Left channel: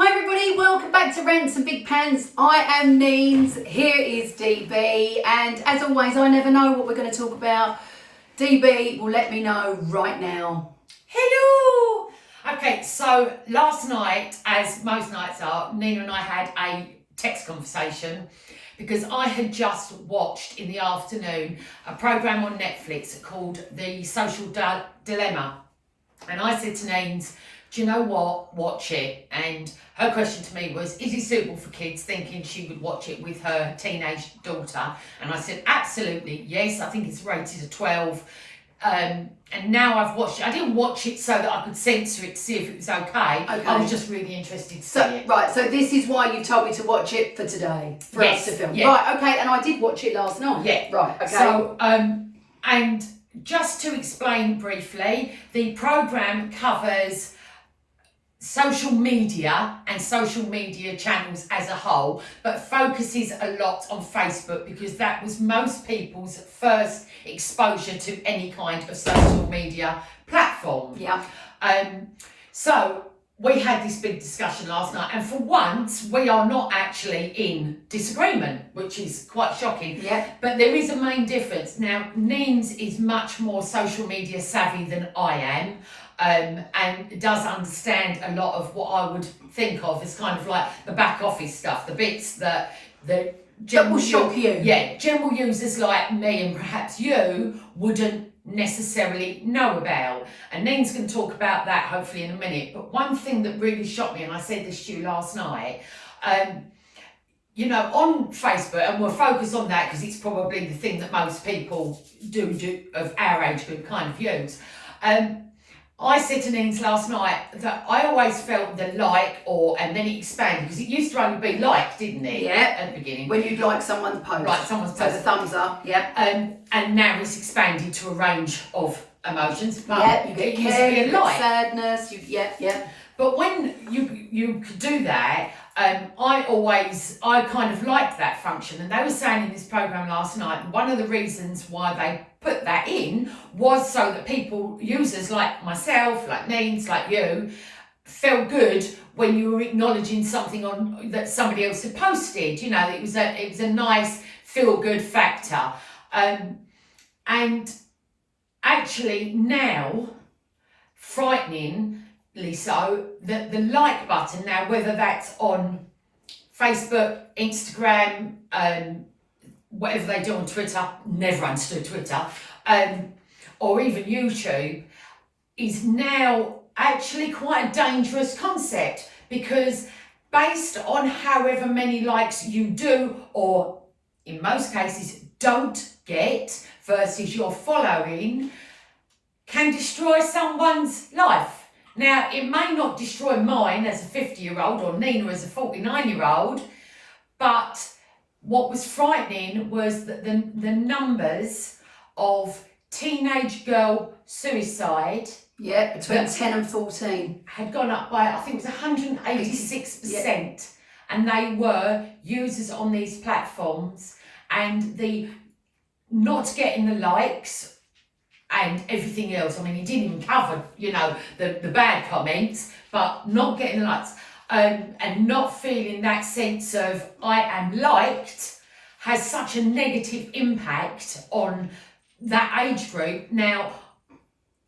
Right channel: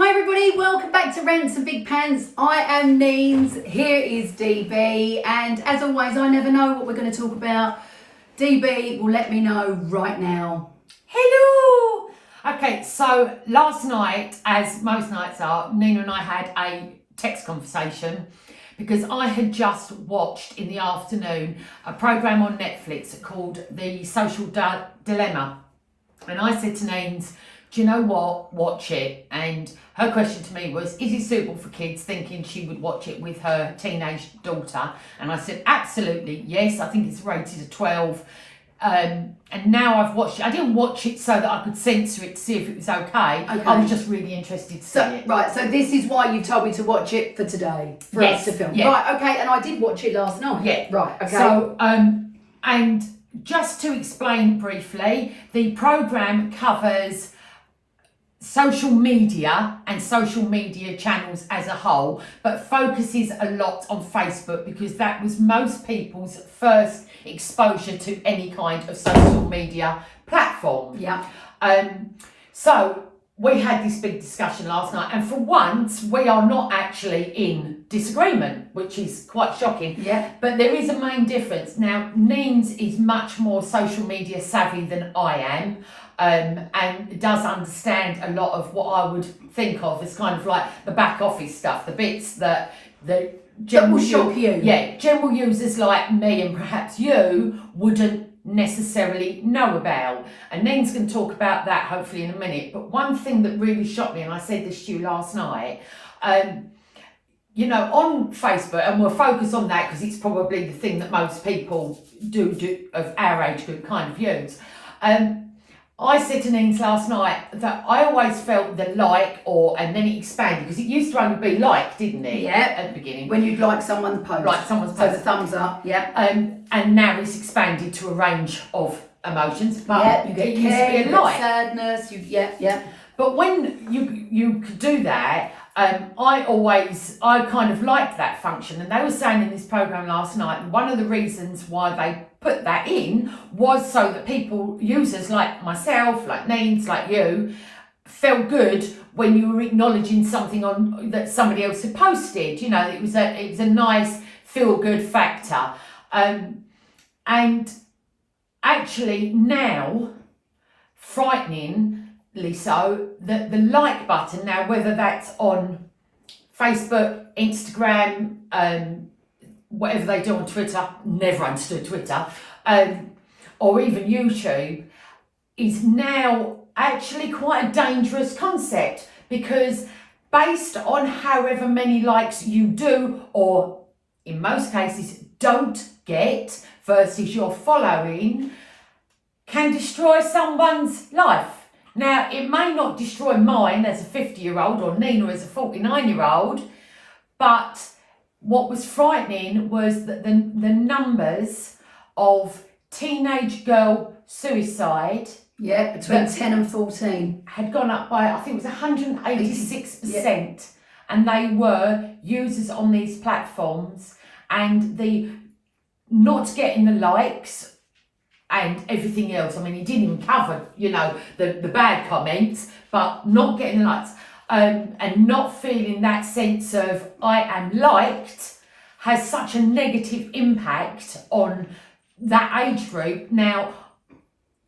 Hi everybody, welcome back to Rants and Big Pants. I am Neens, here is DB, and as always I never know what we're going to talk about. DB will let me know right now. Hello! Okay, so last night, as most nights are, Nina and I had a text conversation because I had just watched in the afternoon a programme on Netflix called The Social Dilemma. And I said to Neens, do you know what? Watch it. And her question to me was, is it suitable for kids? Thinking she would watch it with her teenage daughter. And I said, absolutely, yes. I think it's rated a 12. And now I've watched it. I didn't watch it so that I could censor it to see if it was okay. I was just really interested to see it. Right, so this is why you told me to watch it for today, for us to film. Yeah. Right, okay, and I did watch it last night. Yeah. Right, okay. So, and just to explain briefly, the programme covers social media and social media channels as a whole, but focuses a lot on Facebook because that was most people's first exposure to any kind of social media platform. Yeah. So we had this big discussion last night, and for once we are not actually in disagreement, which is quite shocking. Yeah. But there is a main difference. Now, Neens is much more social media savvy than I am. And does understand a lot of what I would think of as kind of like the back office stuff, the bits that will shock you. Yeah, general users like me and perhaps you wouldn't necessarily know about. And Neen's going to talk about that hopefully in a minute. But one thing that really shocked me, and I said this to you last night, you know, on Facebook, and we'll focus on that because it's probably the thing that most people do of our age group kind of use. I said to Neens last night that I always felt the like and then it expanded because it used to only be like, didn't it? Yeah. At the beginning. When you'd like someone's post. Like someone's So post. the thumbs up, yeah. And now it's expanded to a range of emotions. But Yeah, you get it used to care, be a you get like. sadness, yeah. But when you could do that, I kind of liked that function. And they were saying in this programme last night, one of the reasons why they put that in was so that users like myself, like Neens, like you, felt good when you were acknowledging something that somebody else had posted. You know, it was a nice feel-good factor. And actually now, frighteningly so, the like button now, whether that's on Facebook, Instagram, whatever they do on Twitter, never understood Twitter, or even YouTube, is now actually quite a dangerous concept because based on however many likes you do, or in most cases don't get, versus your following, can destroy someone's life. Now, it may not destroy mine as a 50-year-old or Nina as a 49-year-old, but what was frightening was that the numbers of teenage girl suicide Between 10 and 14. had gone up by, I think it was 186%. And they were users on these platforms, and the not getting the likes and everything else. I mean, he didn't even cover, you know, the bad comments, but not getting the likes and not feeling that sense of I am liked has such a negative impact on that age group. Now,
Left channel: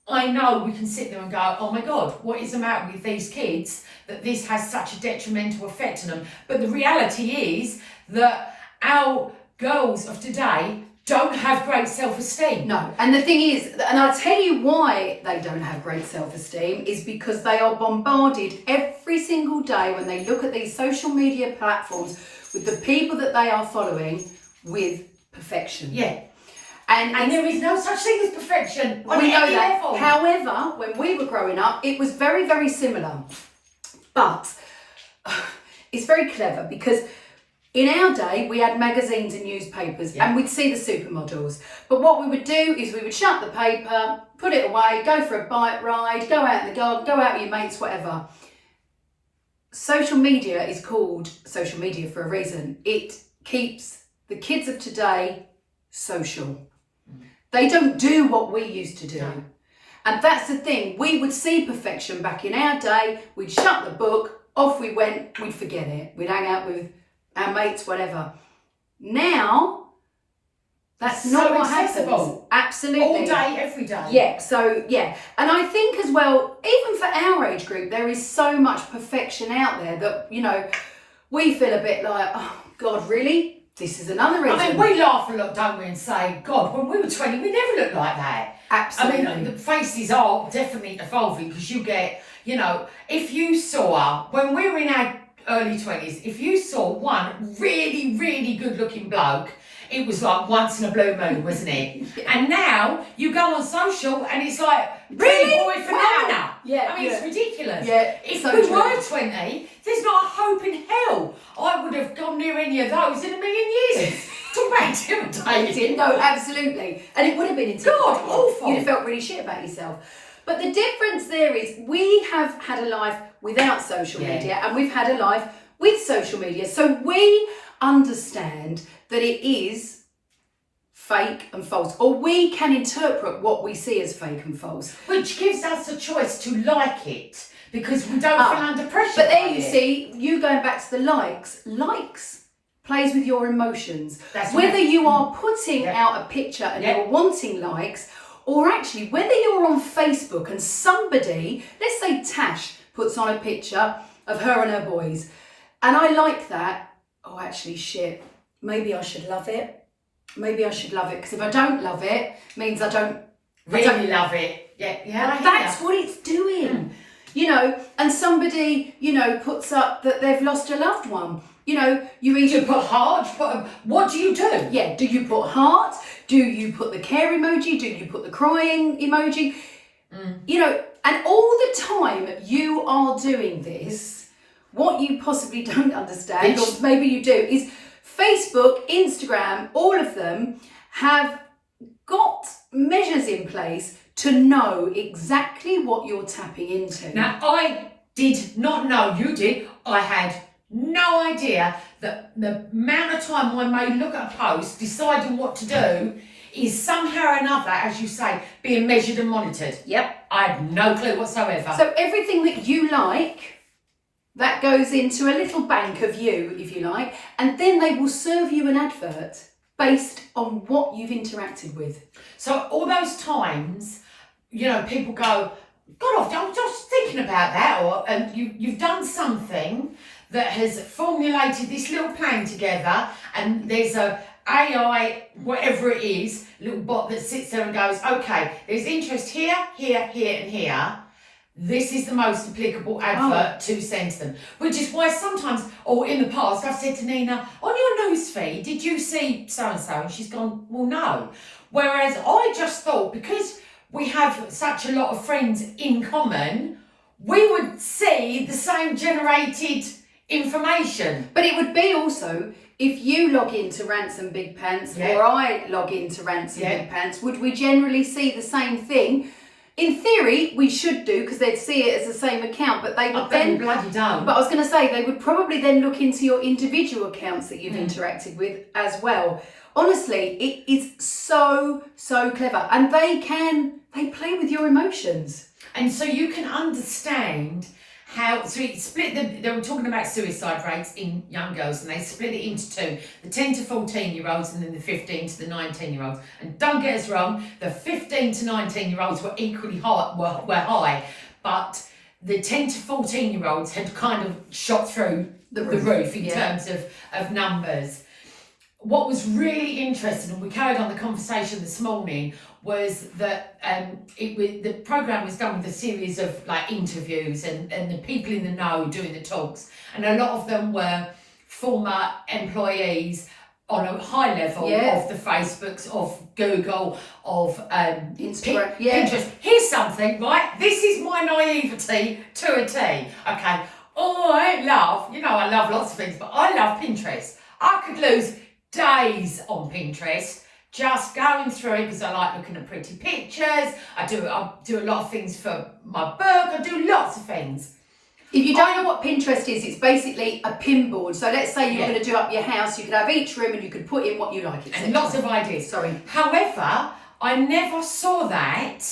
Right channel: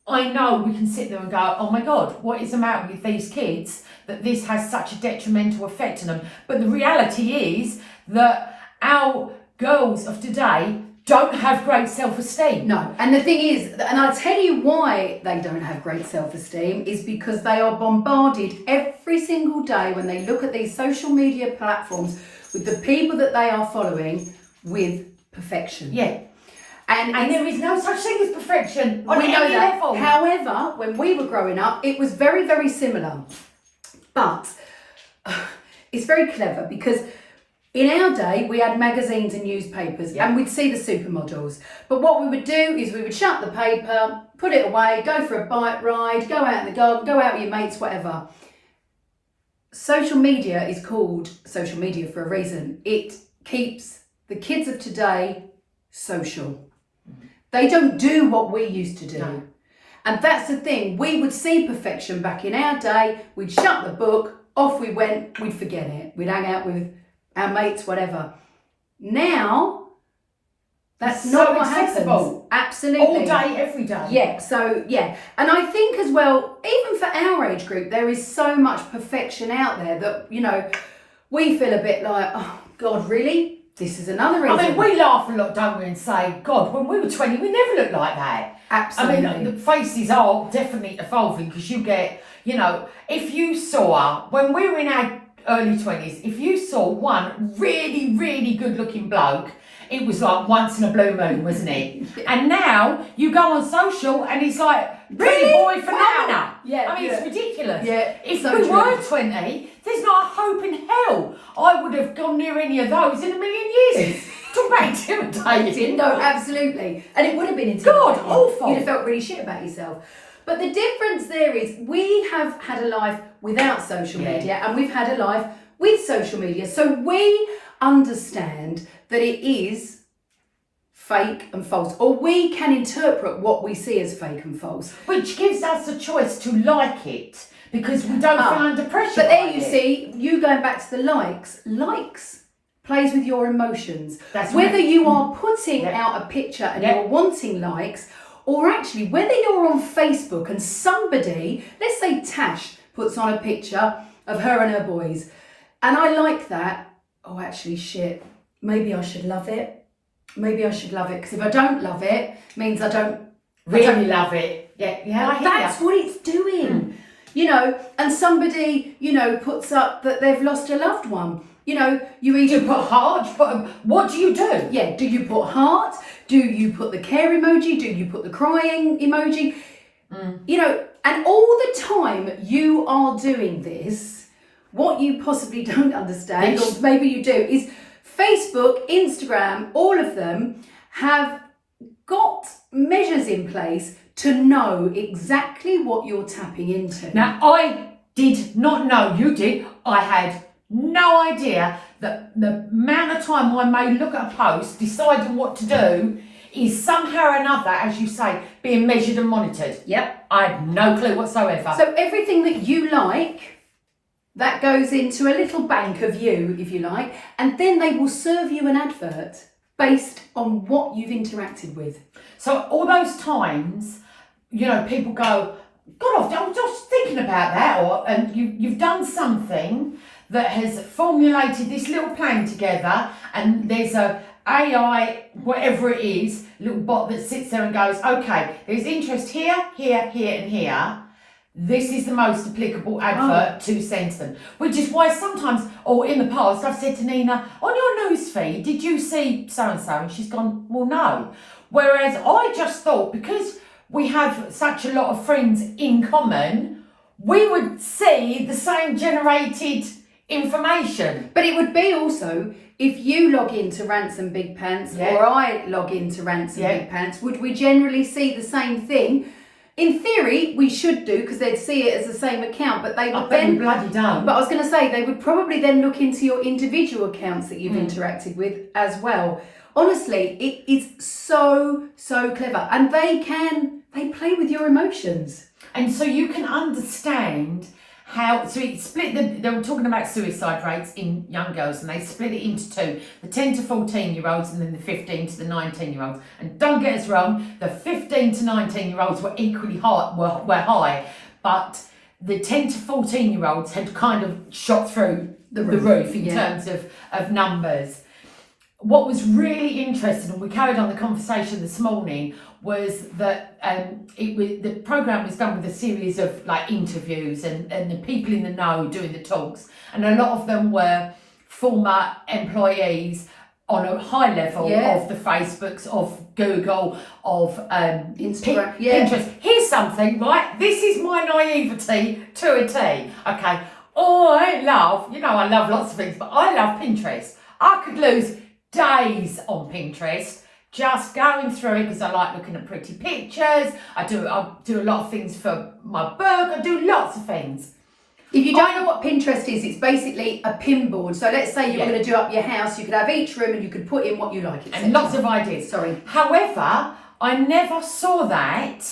I know we can sit there and go, oh my God, what is the matter with these kids that this has such a detrimental effect on them? But the reality is that our girls of today don't have great self-esteem. No, and the thing is, and I'll tell you why they don't have great self-esteem, is because they are bombarded every single day when they look at these social media platforms with the people that they are following with perfection. Yeah. And there is no such thing as perfection on we know any that. level. However, when we were growing up, it was very, very similar. But it's very clever because in our day, we had magazines and newspapers and we'd see the supermodels. But what we would do is we would shut the paper, put it away, go for a bike ride, go out in the garden, go out with your mates, whatever. Social media is called social media for a reason. It keeps the kids of today social. They don't do what we used to do. No. And that's the thing. We would see perfection back in our day. We'd shut the book, off we went, we'd forget it. We'd hang out with our mates, whatever. Now, that's It's not so what accessible. happens. Absolutely. All day, every day. Yeah, so yeah. And I think as well, even for our age group, there is so much perfection out there that, you know, we feel a bit like, oh God, really? This is another reason. I mean, we laugh a lot, don't we, and say, God, when we were 20, we never looked like that. Absolutely. I mean, the faces are definitely evolving because you get, you know, if you saw, when we were in our early 20s, if you saw one really, really good looking bloke, it was like once in a blue moon, wasn't it? And now you go on social and it's like, Really? boy phenomena. Wow. Yeah, I mean, yeah. it's ridiculous. Yeah, If so we true. were 20, there's not a hope in hell I would have gone near any of those in a million years. Talk about intimidating. No, absolutely. And it would have been God, intimidating. awful. You'd have felt really shit about yourself. But the difference there is we have had a life without social Yeah. media and we've had a life with social media. So we understand that it is fake and false, or we can interpret what we see as fake and false. Which gives us a choice to like it because we don't feel under pressure. But there by you it. see, you going back to the likes plays with your emotions. That's Whether right. you are putting Yeah. out a picture and Yeah. you're wanting likes, or actually whether you're on Facebook and somebody, let's say Tash, puts on a picture of her and her boys, and I like that, oh actually shit, maybe I should love it. Maybe I should love it, because if I don't love it, it means I don't Really love it. Yeah, I hear that's ya. what it's doing. You know, and somebody, you know, puts up that they've lost a loved one. You know, you either You put heart, what do you do? yeah, do you put heart? Do you put the care emoji? Do you put the crying emoji? You know, and all the time you are doing this, what you possibly don't understand, or maybe you do, is Facebook, Instagram, all of them have got measures in place to know exactly what you're tapping into. Now, I did not know, you did, I had no idea that the amount of time I may look at a post deciding what to do is somehow or another, as you say, being measured and monitored. Yep. I had no clue whatsoever. So everything that you like, that goes into a little bank of you, if you like, and then they will serve you an advert based on what you've interacted with. So all those times, you know, people go, God, I was just thinking about that, and you've done something that has formulated this little plan together, and there's a AI, whatever it is, little bot that sits there and goes, okay, there's interest here, here, here, and here. This is the most applicable advert to send to them. Which is why sometimes, or in the past, I've said to Nina, on your news feed, did you see so-and-so? And she's gone, well, no. Whereas I just thought, because we have such a lot of friends in common, we would see the same generated information. But it would be also, if you log into Ransom Big Pants or I log into Ransom Big Pants, would we generally see the same thing? In theory, we should do, because they'd see it as the same account, but they would then... bloody don't. But I was going to say, they would probably then look into your individual accounts that you've interacted with as well. Honestly, it is so, so clever. And they play with your emotions. And so you can understand how, so it split they were talking about suicide rates in young girls, and they split it into two, the 10 to 14 year olds and then the 15 to the 19 year olds. And don't get us wrong, the 15 to 19 year olds were equally high, were high, but the 10 to 14 year olds had kind of shot through the roof in terms of numbers. What was really interesting, and we carried on the conversation this morning, was that the programme was done with a series of like interviews and the people in the know doing the talks, and a lot of them were former employees on a high level of the Facebooks, of Google, of Instagram, Pinterest. Here's something, right? This is my naivety to a T. Okay. Oh, I love lots of things, but I love Pinterest. I could lose days on Pinterest just going through it because I like looking at pretty pictures. I do a lot of things for my book. I do lots of things. If you don't know what Pinterest is, it's basically a pin board. So let's say you're going to do up your house, you could have each room and you could put in what you like, etc. And lots of ideas. Sorry. However, I never saw that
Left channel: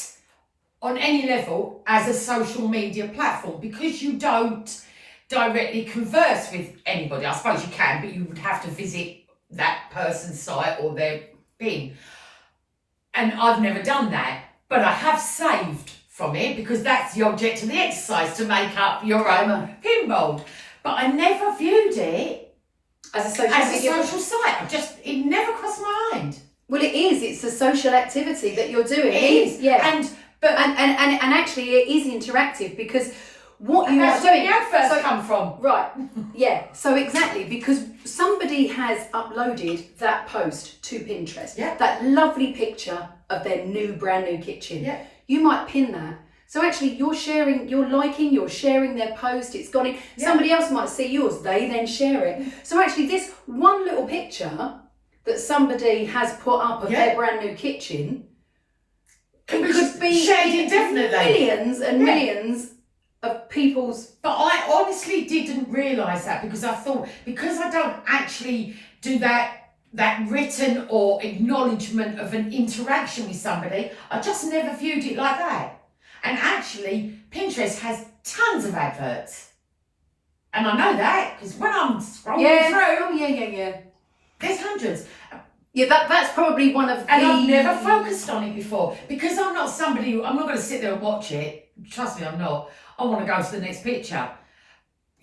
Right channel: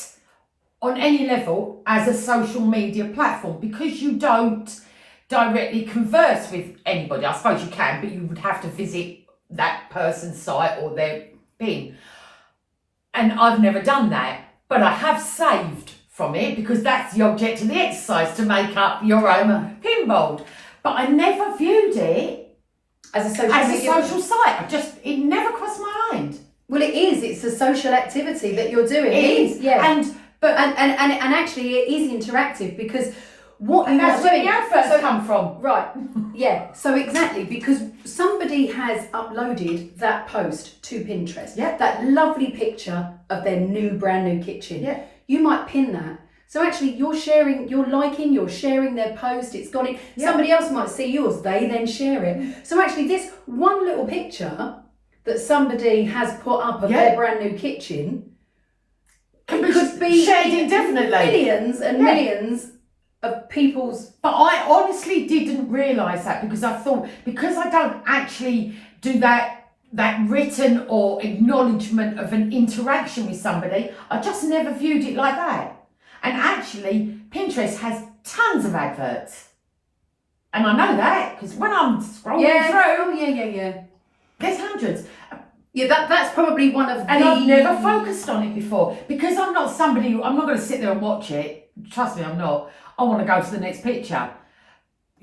on any level as a social media platform, because you don't directly converse with anybody. I suppose you can, but you would have to visit that person's site or their pin. And I've never done that, but I have saved from it because that's the object of the exercise, to make up your own pin board. But I never viewed it as a social site. It nenever crossed my mind. Well, it is. It's a social activity that you're doing. It is, yeah. And actually, it is interactive because what you are doing. That's where the adverts come from. Right. Yeah. So exactly, because somebody has uploaded that post to Pinterest. Yeah. That lovely picture of their brand new kitchen. Yeah. You might pin that. So actually, you're sharing their post. It's gone in. Yeah. Somebody else might see yours. They then share it. So actually, this one little picture that somebody has put up of their brand new kitchen could be shared indefinitely. Millions and millions of people's. But I honestly didn't realise that, because I thought, because I don't actually do that written or acknowledgement of an interaction with somebody, I just never viewed it like that. And actually, Pinterest has tons of adverts. And I know that because when I'm scrolling through, there's hundreds. Yeah, that's probably one of the... And I've never focused on it before, because I'm not somebody I'm not going to sit there and watch it. Trust me, I'm not. I want to go to the next picture.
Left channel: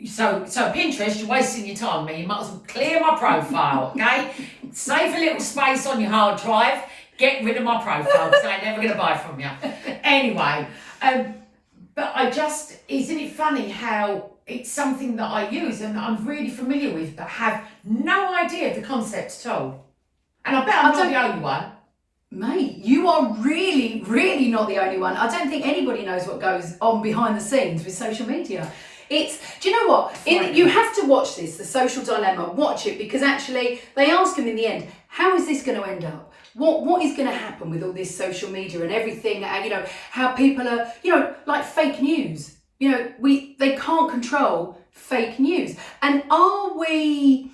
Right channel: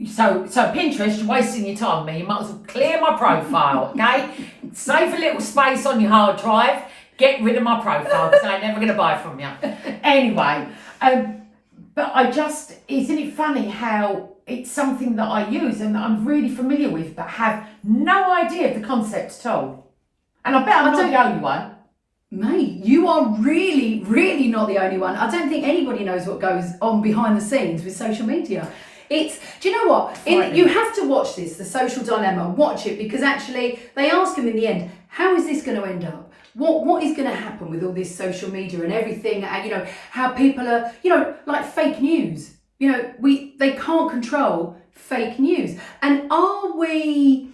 So Pinterest, you're wasting your time, me. You might as well clear my profile, okay? Save a little space on your hard drive. Get rid of my profile, because I'm never going to buy from you. Anyway, but isn't it funny how it's something that I use and that I'm really familiar with, but have no idea of the concept at all? And I bet I'm not the only one. Mate, you are really, really not the only one. I don't think anybody knows what goes on behind the scenes with social media. Do you know what? You have to watch this, The Social Dilemma. Watch it, because actually they ask him in the end, how is this going to end up? What is going to happen with all this social media and everything? How people are, like fake news. They can't control fake news. And are we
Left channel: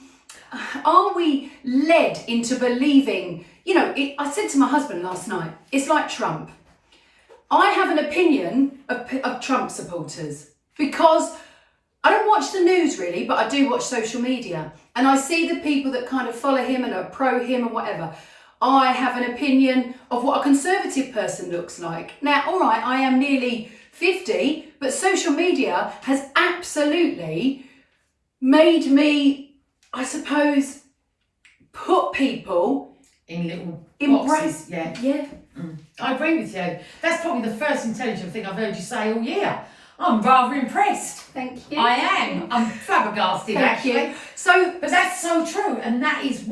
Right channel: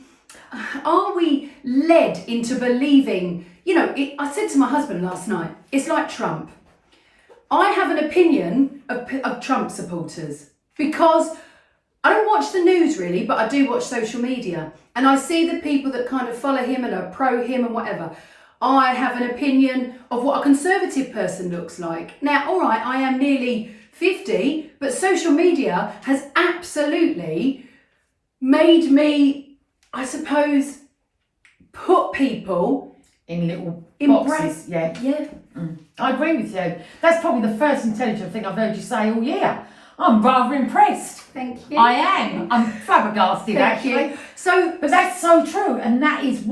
led into believing? I said to my husband last night, it's like Trump. I have an opinion of Trump supporters because I don't watch the news really, but I do watch social media, and I see the people that kind of follow him and are pro him and whatever. I have an opinion of what a conservative person looks like. Now, all right, I am nearly 50, but social media has absolutely made me, I suppose, put people in little brackets. boxes. Yeah. I agree with you. That's probably the first intelligent thing I've heard you say all year. I'm rather impressed. Thank you. I am. I'm flabbergasted, actually. You. But that's so true, and that is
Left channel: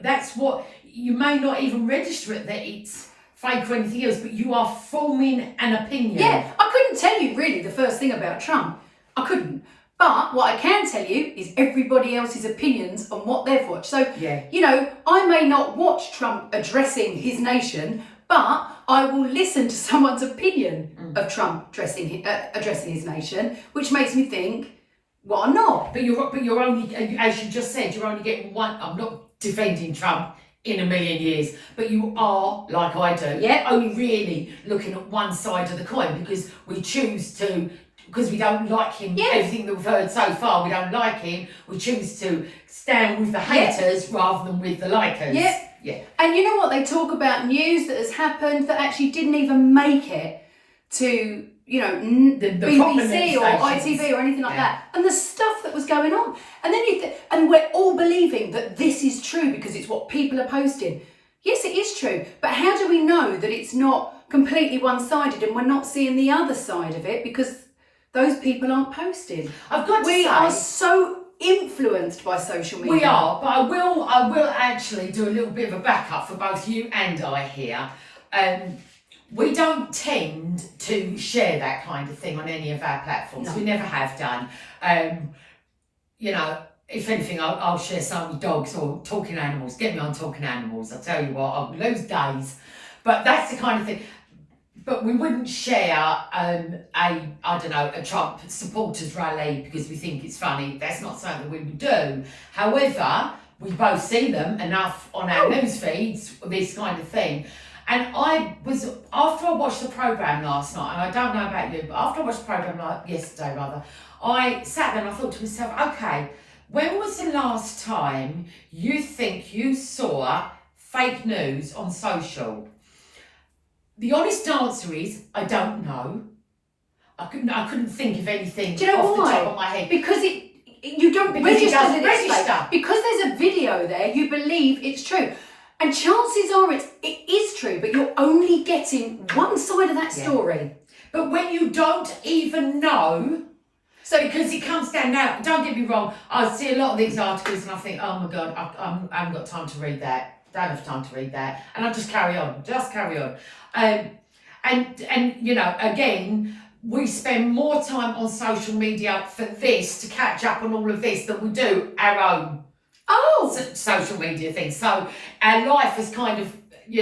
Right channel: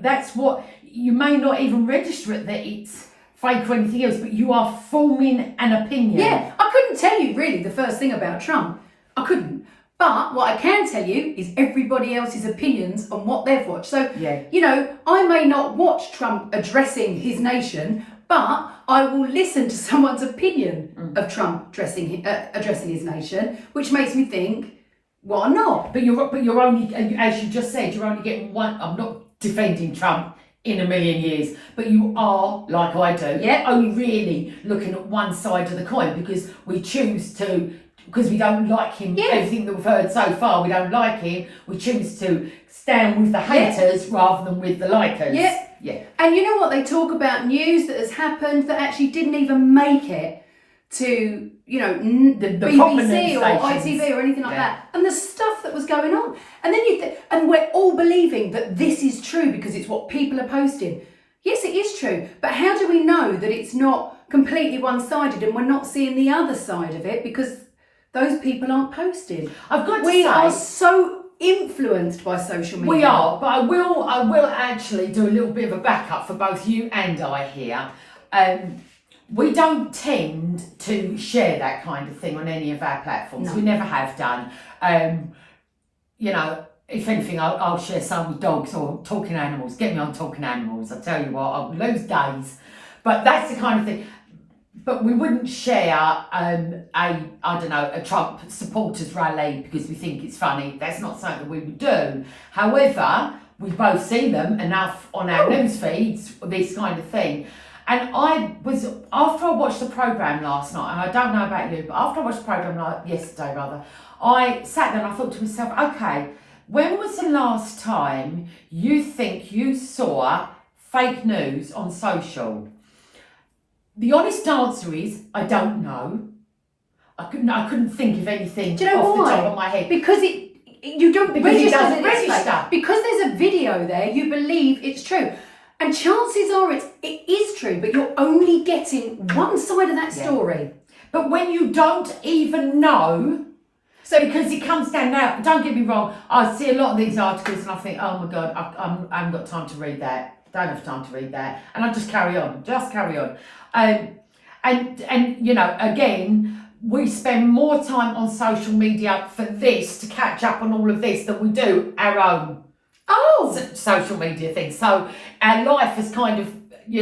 that's what you may not even register it that it's fake or anything else, but you are forming an opinion. Yeah, I couldn't tell you really the first thing about Trump. I couldn't. But what I can tell you is everybody else's opinions on what they've watched. So, I may not watch Trump addressing his nation, but I will listen to someone's opinion of Trump addressing his nation, which makes me think, why not? But you're only, as you just said, you're only getting one. I'm not defending Trump in a million years, but you are, like I do, only really looking at one side of the coin, because we choose to. Because we don't like him, everything that we've heard so far, we don't like him. We choose to stand with the haters rather than with the likers. Yeah. And you know what? They talk about news that has happened that actually didn't even make it to, the BBC or ITV or anything like that. And the stuff that was going on. And then and we're all believing that this is true because it's what people are posting. Yes, it is true. But how do we know that it's not completely one-sided and we're not seeing the other side of it? Because those people aren't posting. I've got to say, we are so influenced by social media. We are, but I will actually do a little bit of a backup for both you and I here. We don't tend to share that kind of thing on any of our platforms. No. We never have done. If anything, I'll share some with dogs or talking animals. Get me on talking animals. I tell you what, I'll lose days. But that's the kind of thing. But we wouldn't share a Trump supporters rally because we think it's funny. That's not something that we would do. However, we both see them enough on our news feeds, this kind of thing. And after I watched the programme last night, and I don't know about you, but after I watched the programme yesterday, I sat there and I thought to myself, okay, when was the last time you think you saw fake news on social? The honest answer is, I don't know. I couldn't think of anything Do you know off why? the top of my head. Because you don't Because it register doesn't that it's register. fake. Because there's a video there, you believe it's true. And chances are it is true, but you're only getting one side of that story. But when you don't even know, so because it comes down now, don't get me wrong, I see a lot of these articles and I think, oh my God, I haven't got time to read that. Don't have time to read that. And I just carry on. And you know, again, we spend more time on social media for this, to catch up on all of this, than we do our own social media things. So our life has kind of,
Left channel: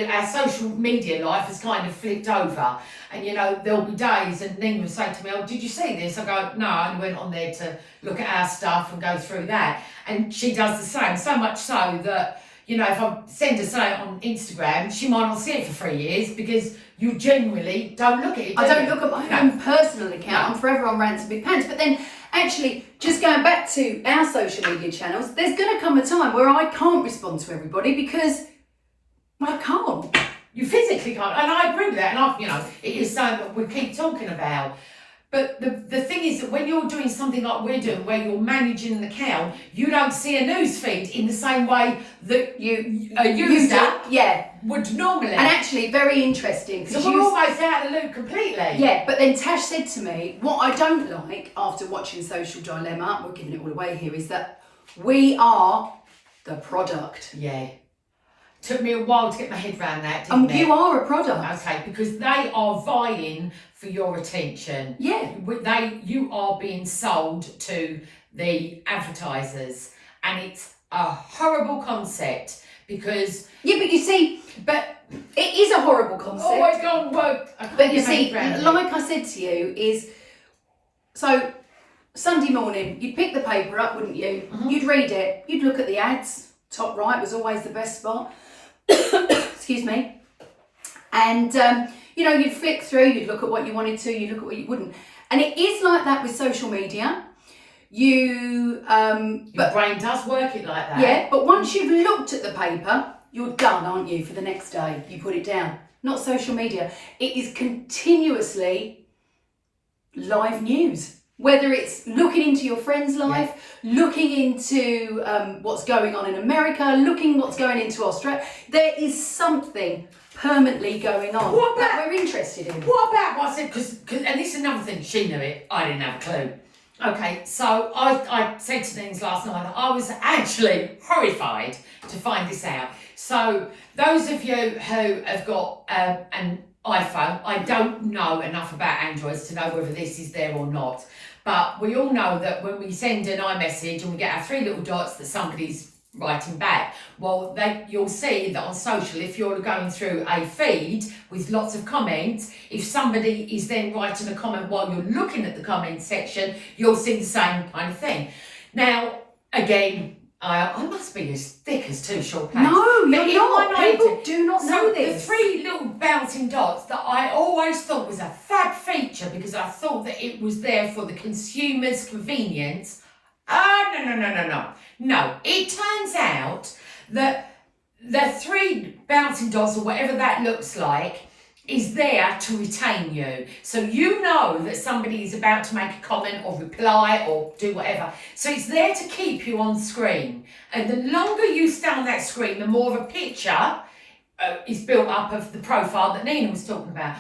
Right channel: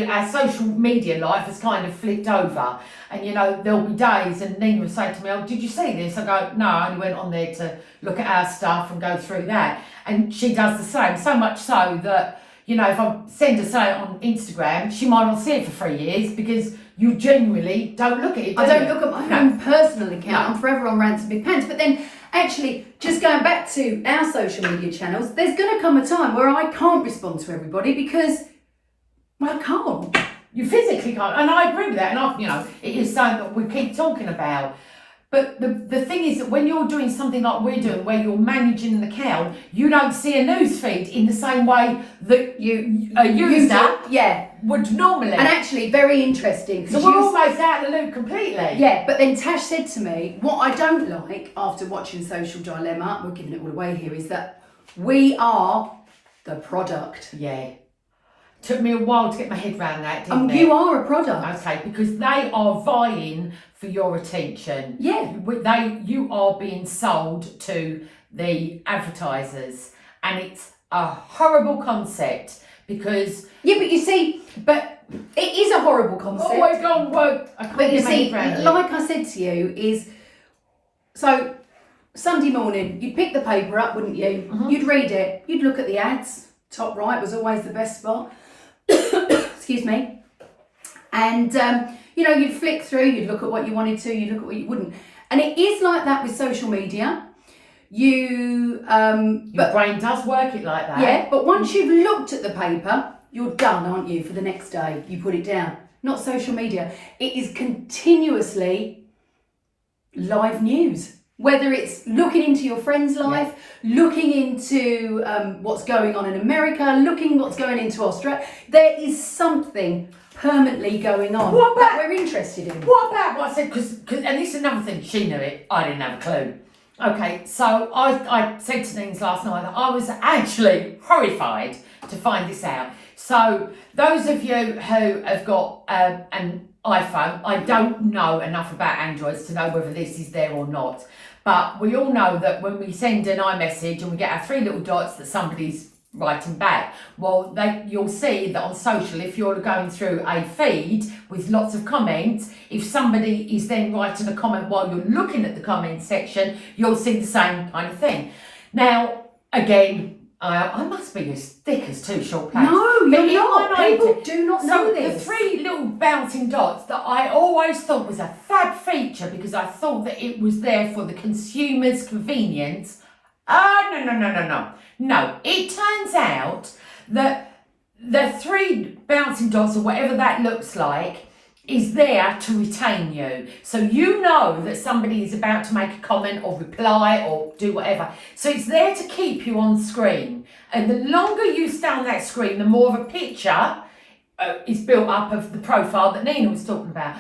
our social media life has kind of flipped over. And you know, there'll be days, and Nina was saying to me, oh, did you see this? I go, no, I only went on there to look at our stuff and go through that. And she does the same, so much so that, you know, if I send her something on Instagram, she might not see it for 3 years because you genuinely don't look at it. I don't look at my own personal account. I'm forever on Rants and Big Pants. But then, actually, just going back to our social media channels, there's going to come a time where I can't respond to everybody because I can't. You physically can't. And I agree with that. And you know, it is something that we keep talking about. But the thing is that when you're doing something like we're doing, where you're managing an account, you don't see a news feed in the same way that a user would normally. And actually, very interesting. So we're almost out of the loop completely. Yeah, but then Tash said to me, what I don't like after watching Social Dilemma, we're giving it all away here, is that we are the product. Yeah. Took me a while to get my head around that, didn't it? You are a product. Okay, because they are vying for your attention. Yeah. You are being sold to the advertisers, and it's a horrible concept because... Yeah, but you see, but it is a horrible concept. Always gone woke. But you see, like I said to you, is... So, Sunday morning, you'd pick the paper up, wouldn't you? Mm-hmm. You'd read it. You'd look at the ads. Top right was always the best spot. Excuse me. And, you know, you'd flick through, you'd look at what you wanted to, you'd look at what you wouldn't. And it is like that with social media. Your brain does work it like that. Yeah, but once you've looked at the paper, you're done, aren't you, for the next day? You put it down. Not social media. It is continuously live news. Whether it's looking into your friend's life, looking into what's going on in America, looking what's going into Australia, there is something permanently going on that we're interested in. What about what I said? Because and this is another thing, she knew it, I didn't have a clue. Okay, so I said to Nins last night that I was actually horrified to find this out. So those of you who have got an iPhone, I don't know enough about Androids to know whether this is there or not. But we all know that when we send an iMessage and we get our 3 little dots that somebody's writing back, well, you'll see that on social, if you're going through a feed with lots of comments, if somebody is then writing a comment while you're looking at the comment section, you'll see the same kind of thing. Now, again, I must be as thick as 2 short pants. No, you're not. People do not know this. The 3 little bouncing dots that I always thought was a fab feature because I thought that it was there for the consumer's convenience. No. No, it turns out that the 3 bouncing dots or whatever that looks like is there to retain you. So you know that somebody is about to make a comment or reply or do whatever. So it's there to keep you on screen. And the longer you stay on that screen, the more of a picture is built up of the profile that Nina was talking about.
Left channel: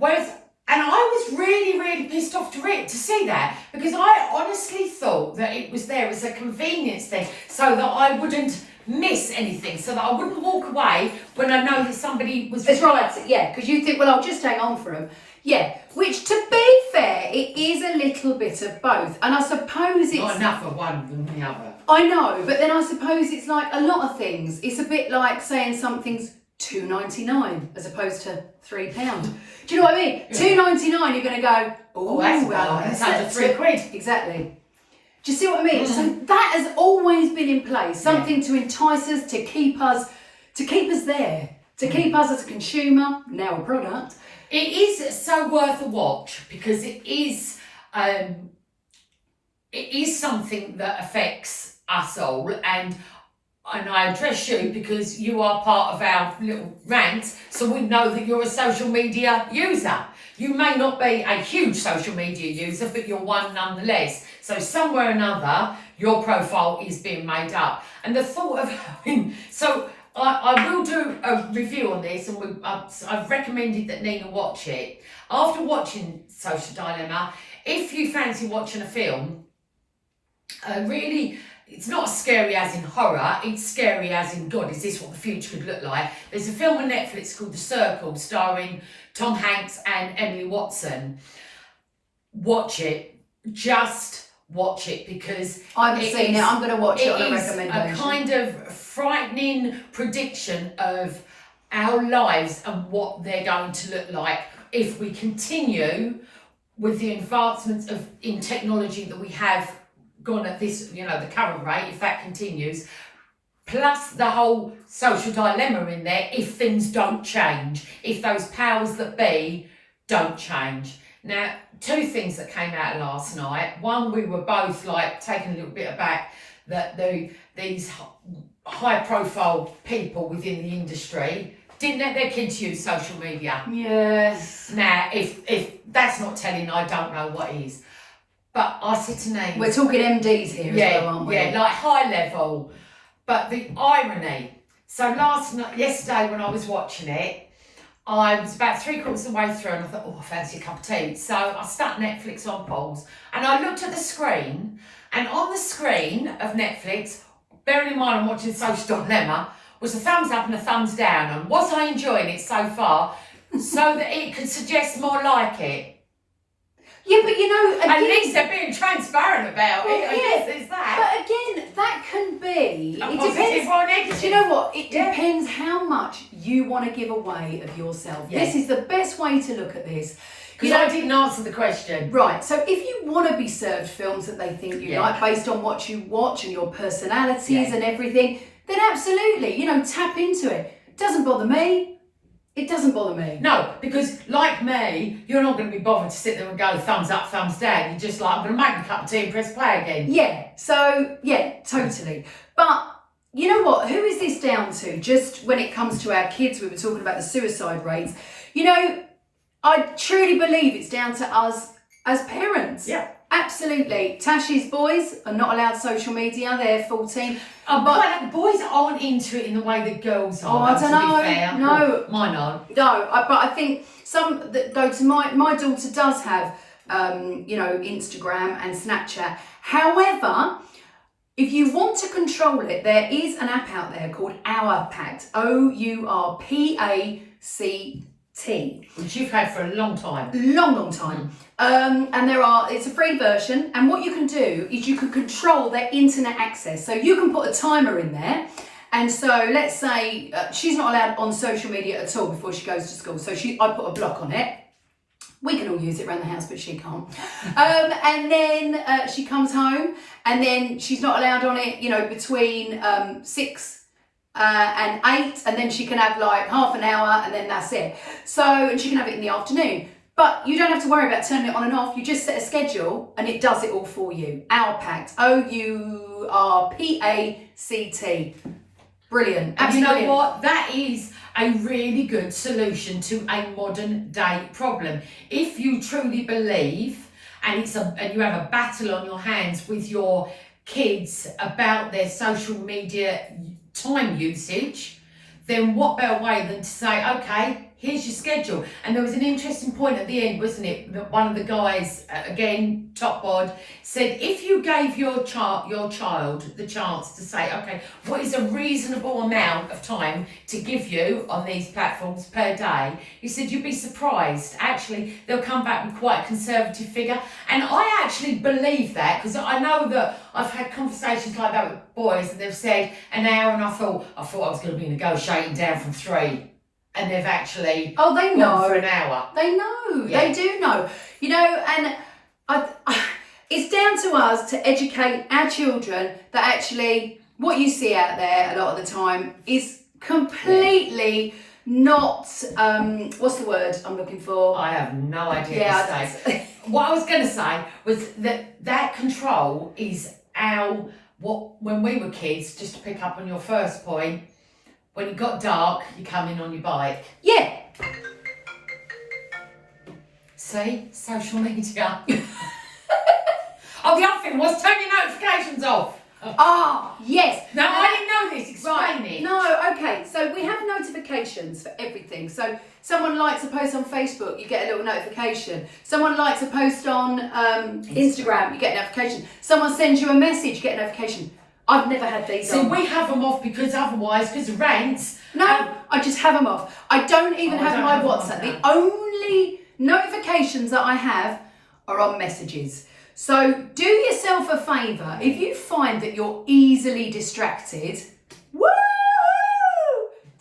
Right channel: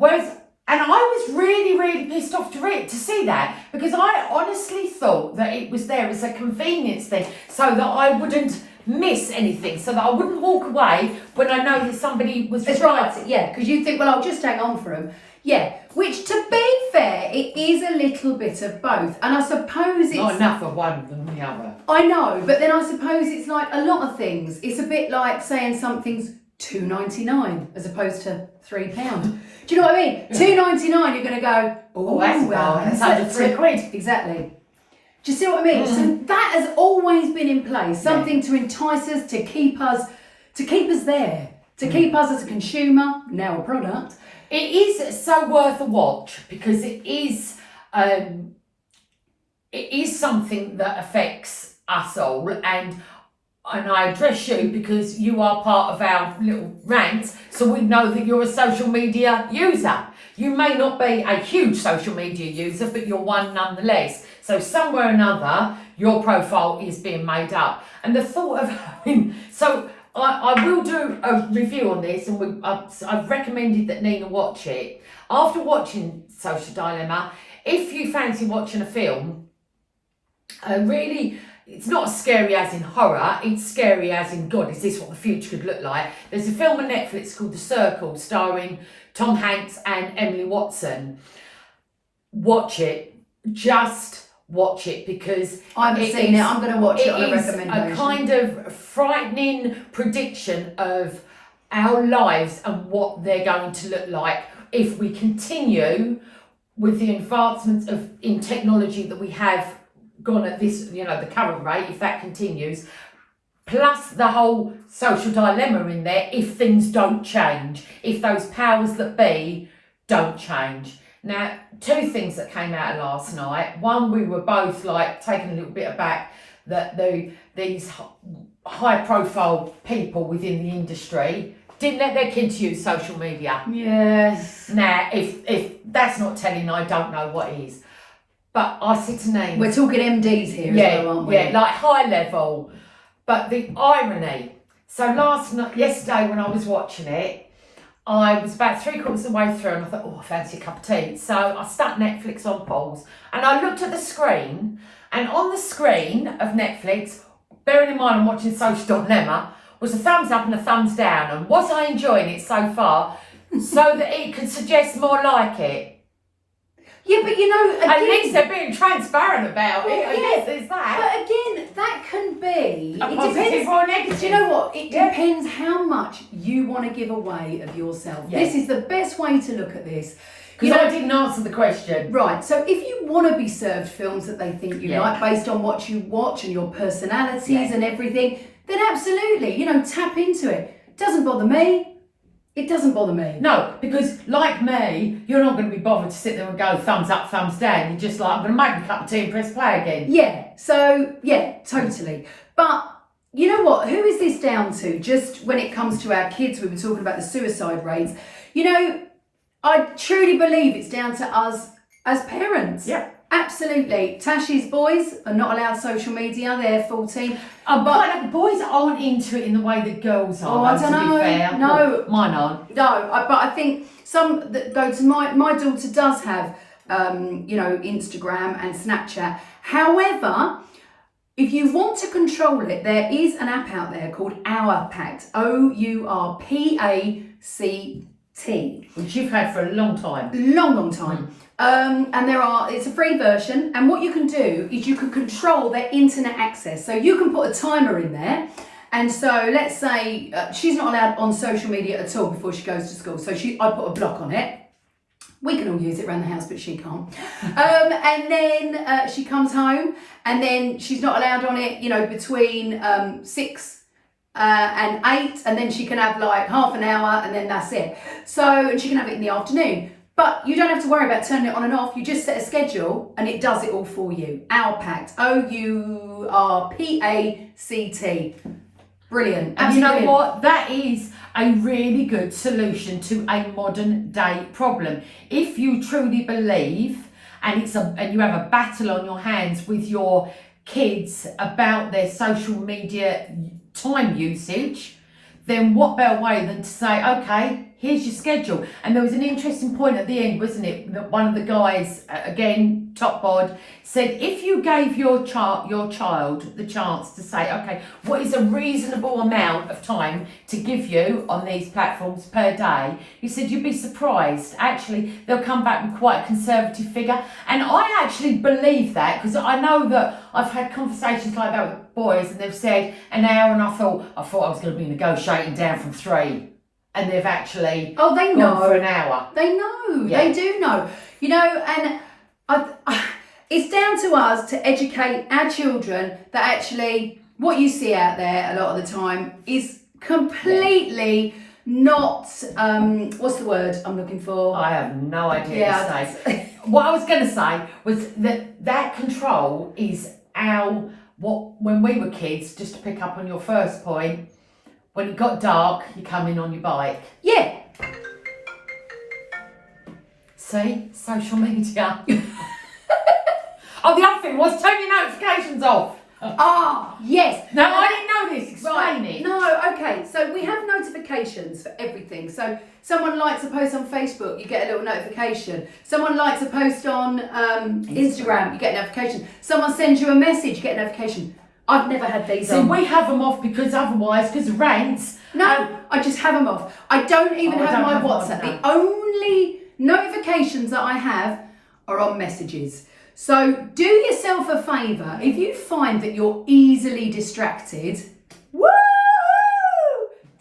And I was really, really pissed off to see that because I honestly thought that it was there as a convenience thing so that I wouldn't miss anything, so that I wouldn't walk away when I know that somebody was... That's right, yeah, because you think, well, I'll just hang on for them. Yeah, which to be fair, it is a little bit of both. And I suppose it's... Not enough of one than the other. I know, but then I suppose it's like a lot of things. It's a bit like saying something's $2.99 as opposed to £3. Do you know what I mean? Yeah. $2.99, you're going to go, oh, that's under £3. Exactly. Do you see what I mean? So that has always been in place. Something to entice us, to keep us there, to keep us as a consumer, now a product. It is so worth a watch because it is it is something that affects us all, and I address you because you are part of our little rant, so we know that you're a social media user. You may not be a huge social media user, but you're one nonetheless. So somewhere or another, your profile is being made up. And the thought of having, so I will do a review on this, and I've recommended that Nina watch it. After watching Social Dilemma, if you fancy watching a film, really, it's not as scary as in horror, it's scary as in, God, is this what the future could look like? There's a film on Netflix called The Circle, starring Tom Hanks and Emily Watson. Watch it. Just watch it, because I haven't seen it. I'm going to watch it on a is recommendation. a kind of frightening prediction of our lives and what they're going to look like if we continue with the advancements in technology that we have gone at this, the current rate, if that continues, plus the whole social dilemma in there, if things don't change, if those powers that be don't change. Now, two things that came out of last night. One, we were both like taken a little bit aback that these high profile people within the industry didn't let their kids use social media. Yes. Now, if that's not telling, I don't know what is. But I said to Nate, We're talking MDs here as well, aren't we? Yeah, like high level. But the irony. So yesterday when I was watching it, I was about 3/4 of the way through, and I thought, I fancy a cup of tea. So I stuck Netflix on pause, and I looked at the screen, and on the screen of Netflix, bearing in mind I'm watching Social Dilemma, was a thumbs up and a thumbs down. And was I enjoying it so far, so that it could suggest more like it? Yeah, but again, At least they're being transparent about it. I guess there's that. But again, that can be. A It positive depends. or a negative. Do you know what? It depends how much you want to give away of yourself. Yeah. This is the best way to look at this. Because I didn't answer the question. Right, so if you want to be served films that they think you Yeah. like based on what you watch and your personalities Yeah. and everything, then absolutely, tap into it. It doesn't bother me. It doesn't bother me. No, because like me, you're not going to be bothered to sit there and go thumbs up, thumbs down. You're just like, I'm going to make a cup of tea and press play again. Yeah, so, yeah, totally. But you know what? Who is this down to? Just when it comes to our kids, we were talking about the suicide rates. I truly believe it's down to us as parents. Yeah. Absolutely. Tashi's boys are not allowed social media. They're 14. But boys aren't into it in the way that girls are. Oh, I don't know. To be fair. No. Well, mine aren't. No, but I think some that go to my daughter does have, Instagram and Snapchat. However, if you want to control it, there is an app out there called Our Pact. OURPACT. Which you've had for a long time. Long time. And it's a free version, and what you can do is you can control their internet access. So you can put a timer in there, and so let's say she's not allowed on social media at all before she goes to school. So I put a block on it. We can all use it around the house, but she can't. And then she comes home, and then she's not allowed on it, between 6 and 8, and then she can have like half an hour, and then that's it. And she can have it in the afternoon. But you don't have to worry about turning it on and off. You just set a schedule and it does it all for you. Our Pact. OURPACT. Brilliant. And Absolutely you know brilliant. what? That is a really good solution to a modern day problem. If you truly believe, and you have a battle on your hands with your kids about their social media time usage, then what better way than to say, okay, here's your schedule. And there was an interesting point at the end, wasn't it? That one of the guys, again, top bod, said if you gave your child the chance to say, okay, what is a reasonable amount of time to give you on these platforms per day? He said you'd be surprised. Actually, they'll come back with quite a conservative figure. And I actually believe that, because I know that I've had conversations like that with boys, and they've said an hour, and I thought I was going to be negotiating down from 3. And they've actually they know gone for an hour. They know. Yeah. They do know. And it's down to us to educate our children that actually what you see out there a lot of the time is completely not what's the word I'm looking for? I have no idea Yeah, what to say. What I was going to say was that control is when we were kids, just to pick up on your first point, when it got dark, you come in on your bike. Yeah. See? Social media. Oh, the other thing was turn your notifications off. Ah, yes. Now, I didn't know this. Explain it. No, okay. So we have notifications for everything. So someone likes a post on Facebook, you get a little notification. Someone likes a post on Instagram, you get a notification. Someone sends you a message, you get a notification. I've never had these See, on. we have them off because of rants. No, I just have them off. I don't even I have don't my have WhatsApp. mine, The only notifications that I have are on messages. So do yourself a favour. If you find that you're easily distracted, woo!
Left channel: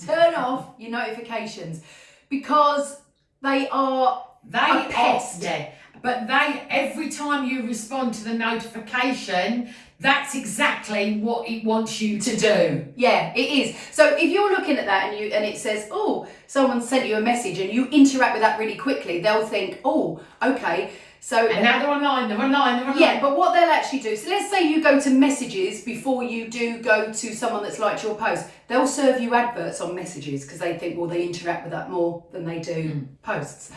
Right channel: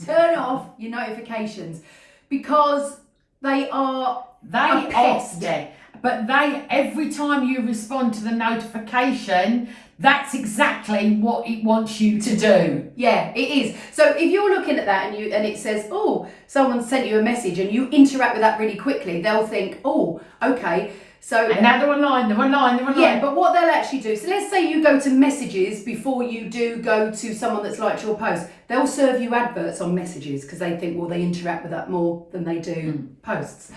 Turn off your notifications because they are a pest. Yeah, but every time you respond to the notification, that's exactly what it wants you to do. Yeah, it is. So if you're looking at that and it says, oh, someone sent you a message and you interact with that really quickly, they'll think, oh, okay. So And now they're online. yeah, but what they'll actually do, so let's say you go to messages before you do go to someone that's liked your post. They'll serve you adverts on messages because they think, well, they interact with that more than they do posts.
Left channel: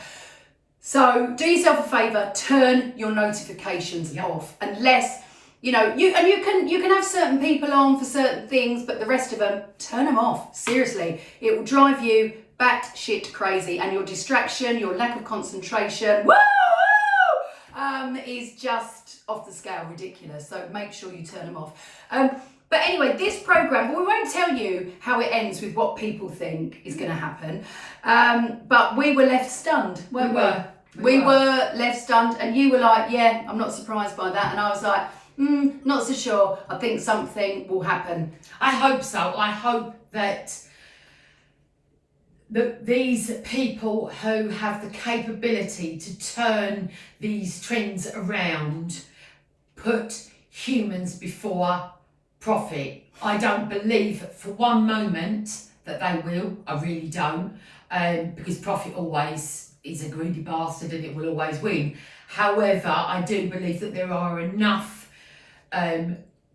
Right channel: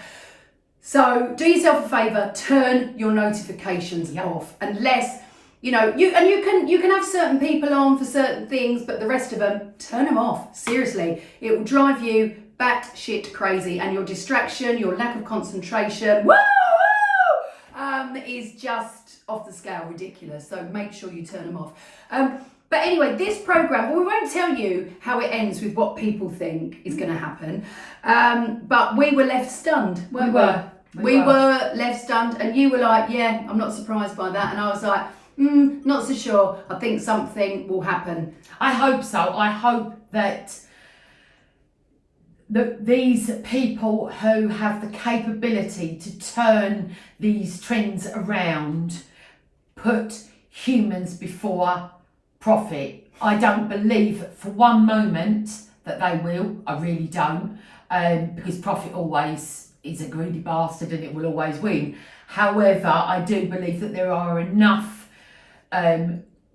So do yourself a favour, turn your notifications off unless, you can have certain people on for certain things, but the rest of them, turn them off. Seriously, it will drive you batshit crazy and your distraction, your lack of concentration, is just off the scale ridiculous. So make sure you turn them off. But anyway, this programme, we won't tell you how it ends with what people think is going to happen. But we were left stunned, weren't we? We were left stunned and you were like, yeah, I'm not surprised by that. And I was like, not so sure. I think something will happen. I hope so. I hope that these people who have the capability to turn these trends around put humans before profit. I don't believe for one moment that they will. I really don't. Because profit always is a greedy bastard and it will always win. However, I do believe that there are enough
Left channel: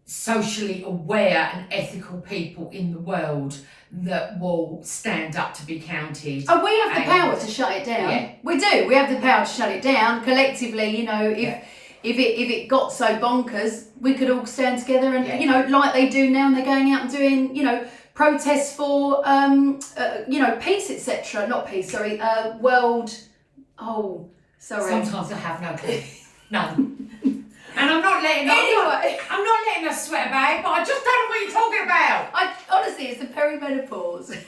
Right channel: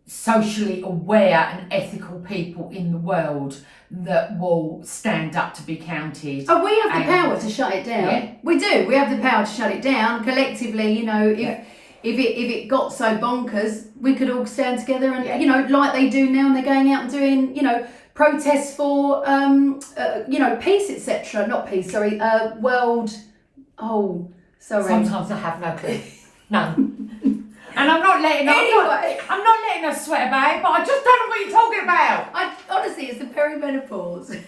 socially aware and ethical people in the world that will stand up to be counted. Oh, we have the power to shut it down. Yeah. We do. We have the power to shut it down collectively. If it got so bonkers, we could all stand together and like they do now, and they're going out and doing protests for peace, etc. Not peace, sorry. World. Oh, sorry. Sometimes I have no clue. None. And I'm not letting I'm not letting us sweat about it, but I just don't know what you're talking about. Honestly, it's the perimenopause.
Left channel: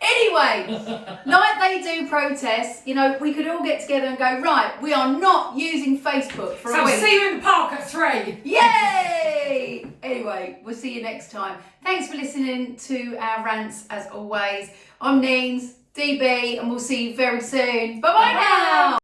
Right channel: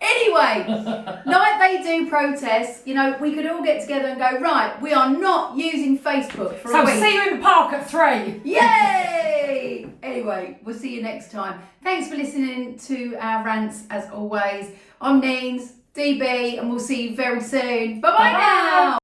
Anyway, like they do protests, we could all get together and go, right, we are not using Facebook for a week. So see you in the park at 3. Yay! Anyway, we'll see you next time. Thanks for listening to our rants as always. I'm Neens, DB, and we'll see you very soon. Bye-bye now!